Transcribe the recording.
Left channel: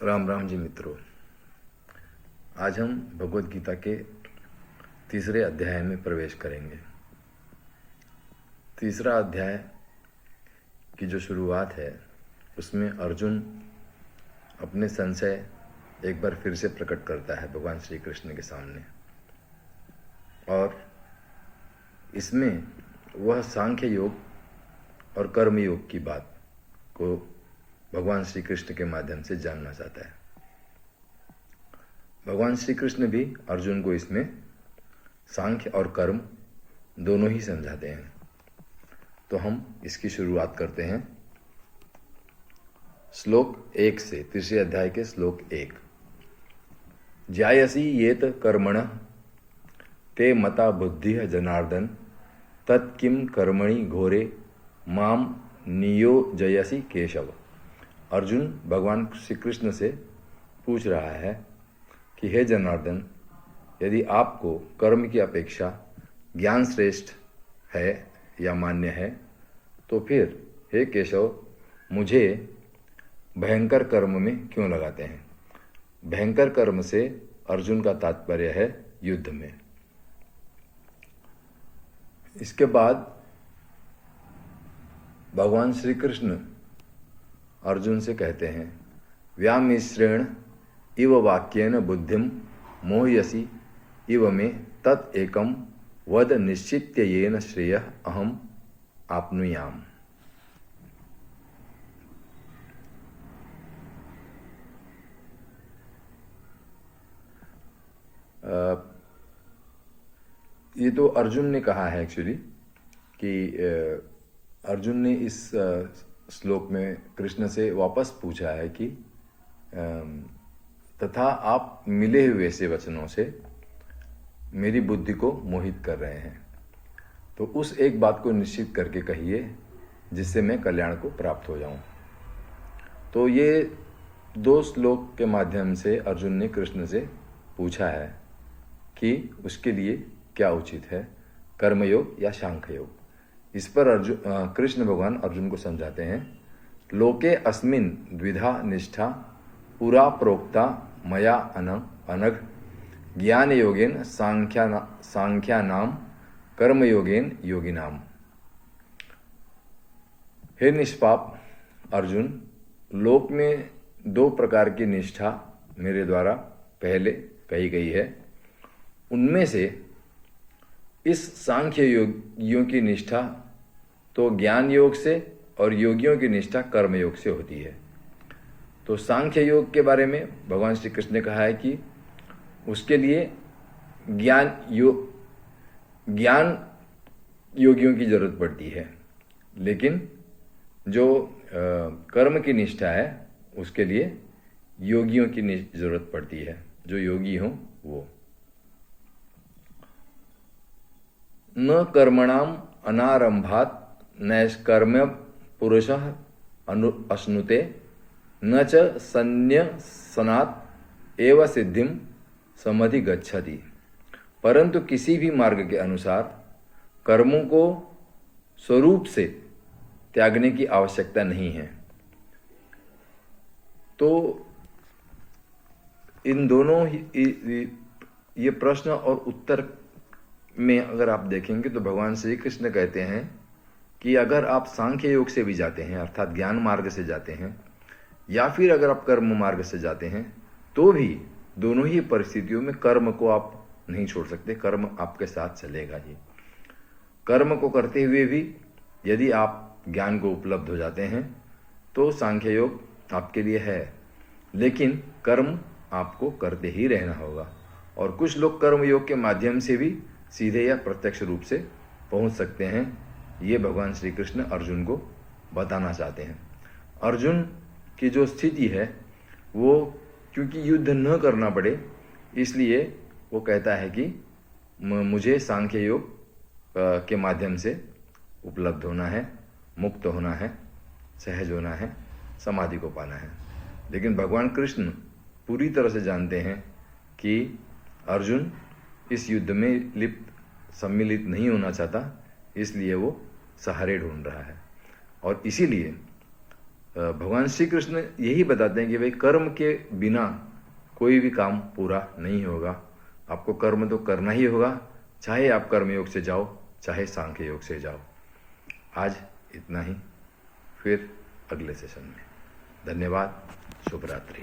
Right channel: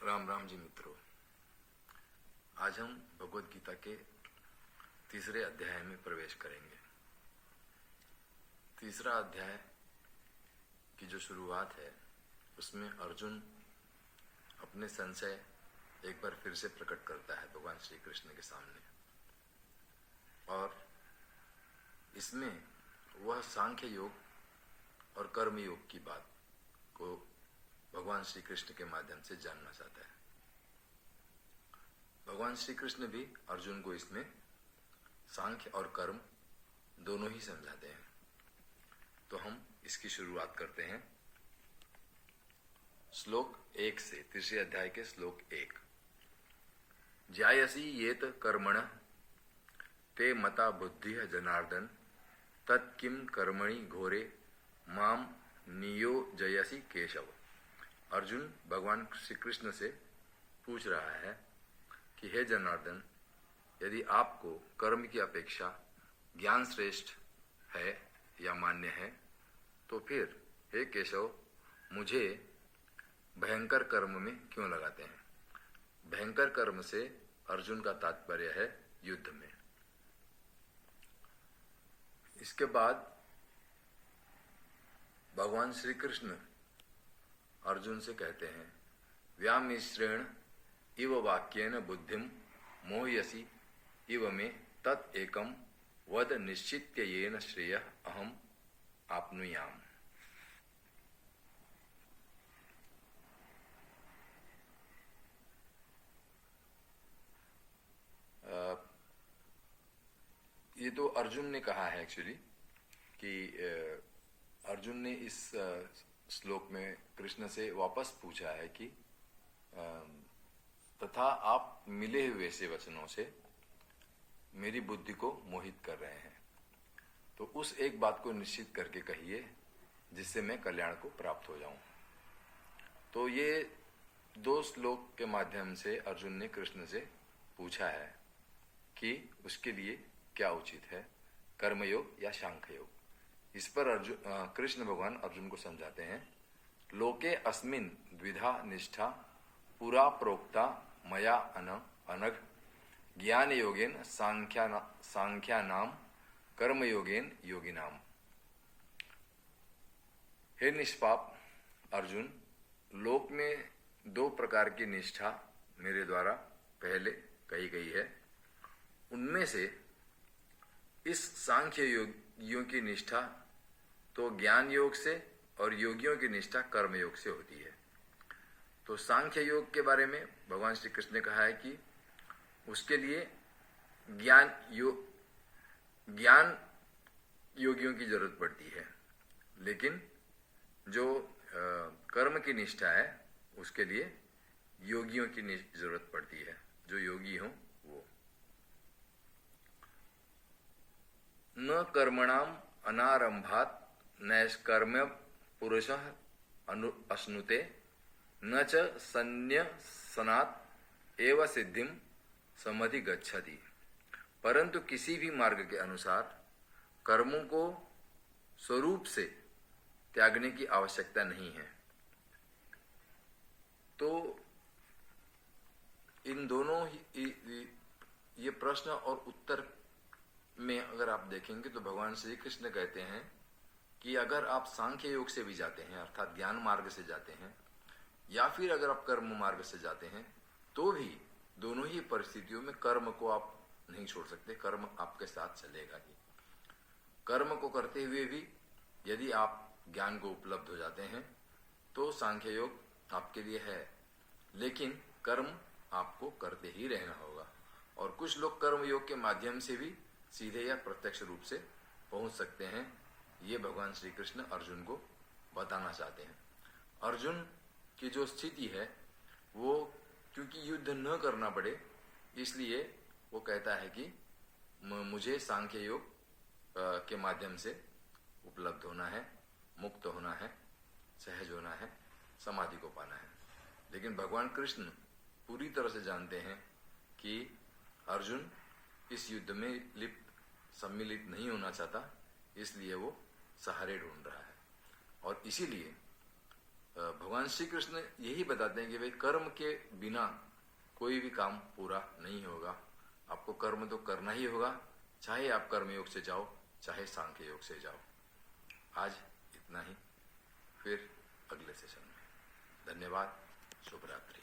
राम राम जी मित्रों। आज हम भगवत गीता के तीसरे अध्याय में प्रवेश करेंगे। तीसरा अध्याय की जो शुरुआत है उसमें अर्जुन अपने संशय एक बार फिर से प्रकट करता है भगवान श्री कृष्ण के सामने, और इसमें वह सांख्य योग और कर्म योग की बात को भगवान श्री कृष्ण के माध्यम से जानना चाहता है। भगवान श्री कृष्ण भी अर्जुन को इसमें सांख्य और कर्म दोनों ही समझाते हैं। तो हम इसकी शुरुआत करते हैं श्लोक 1 से, तीसरे अध्याय के श्लोक 1। ज्यायसी येत कर्मण ते मता बुद्धि जनार्दन तत्किम कर्मणि घोरे माम नियोजयसी केशव। अर्जुन भगवान श्री कृष्ण से पूछ रहा है कि हे जनार्दन, यदि आपको कर्म की अपेक्षा ज्ञान श्रेष्ठ है या मान्य है तो फिर हे केशव मुझे भयंकर कर्म में क्यों लगाते हैं। भयंकर कर्म से अर्जुन का तात्पर्य है युद्ध में। इसके बाद भगवान श्री कृष्ण अर्जुन से कहते हैं, व्यामिश्रेण इव वाक्येन बुद्धिम मोहयसी इव मे तत् एकम वद निश्चित्य येन श्रेय अहम आपनुयाम। ये तो अर्जुन ने कहा है एक्चुअली कि अर्जुन ने इस श्लोक में कृष्ण से वापस पूछा है कि तथा आप मिले हुए से वचनों से मेरी बुद्धि को मोहित कर रहे हैं, तो उस एक बात को निश्चित करके कहिए जिससे मैं कल्याण को प्राप्त हो जाऊं। तो ये दो श्लोक के माध्यम से अर्जुन ने कृष्ण से पूछा है कि उसके लिए क्या उचित है, कर्मयोग या सांख्य योग। इस पर कृष्ण भगवान अर्जुन को समझाते हैं, लोके अस्मिन द्विधा निष्ठा पुरा प्रोक्ता मया अनघ ज्ञान योगेन सांख्यानाम कर्म योगेन योगिनाम। हे निष्पाप अर्जुन, लोक में दो प्रकार की निष्ठा मेरे द्वारा पहले कही गई है। उनमें से इस सांख्य योगियों की निष्ठा तो ज्ञान योग से और योगियों की निष्ठा कर्म योग से होती है। तो सांख्य योग के बारे में भगवान श्री कृष्ण ने कहा है कि उसके लिए ज्ञान योगियों की जरूरत पड़ती है, लेकिन जो कर्म की निष्ठा है उसके लिए योगियों की जरूरत पड़ती है, जो योगी हों वो। न कर्मणाम अनारंभात नैष्कर्म्य पुरुषः अश्नुते न च संन्यसनात् एव सिद्धिम समधिगच्छति। परंतु किसी भी मार्ग के अनुसार कर्मों को स्वरूप से त्यागने की आवश्यकता नहीं है। तो इन दोनों ये प्रश्न और उत्तर में अगर आप देखेंगे तो भगवान श्री कृष्ण कहते हैं कि अगर आप सांख्य योग से भी जाते हैं अर्थात ज्ञान मार्ग से जाते हैं, या फिर अगर आप कर्म मार्ग से जाते हैं, तो भी दोनों ही परिस्थितियों में कर्म को आप नहीं छोड़ सकते। कर्म आपके साथ चलेगा ही। कर्म को करते हुए भी यदि आप ज्ञान को उपलब्ध हो जाते हैं तो सांख्य योग आपके लिए है, लेकिन कर्म आपको करते ही रहना होगा। और कुछ लोग कर्म योग के माध्यम से भी सीधे या प्रत्यक्ष रूप से पहुंच सकते हैं। ये भगवान श्री कृष्ण अर्जुन को बताना चाहते हैं। अर्जुन की जो स्थिति है वो क्योंकि युद्ध न करना पड़े इसलिए वो कहता है कि मुझे सांख्य योग के माध्यम से उपलब्ध होना है, मुक्त होना है, सहज होना है, समाधि को पाना है। लेकिन भगवान कृष्ण पूरी तरह से जानते हैं कि अर्जुन इस युद्ध में सम्मिलित नहीं होना चाहता, इसलिए वो सहारे ढूंढ रहा है। और इसीलिए भगवान श्री कृष्ण यही बताते हैं कि भाई कर्म के बिना कोई भी काम पूरा नहीं होगा। आपको कर्म तो करना ही होगा, चाहे आप कर्मयोग से जाओ चाहे सांख्य योग से जाओ। आज इतना ही, फिर अगले सेशन में। धन्यवाद, शुभ रात्रि।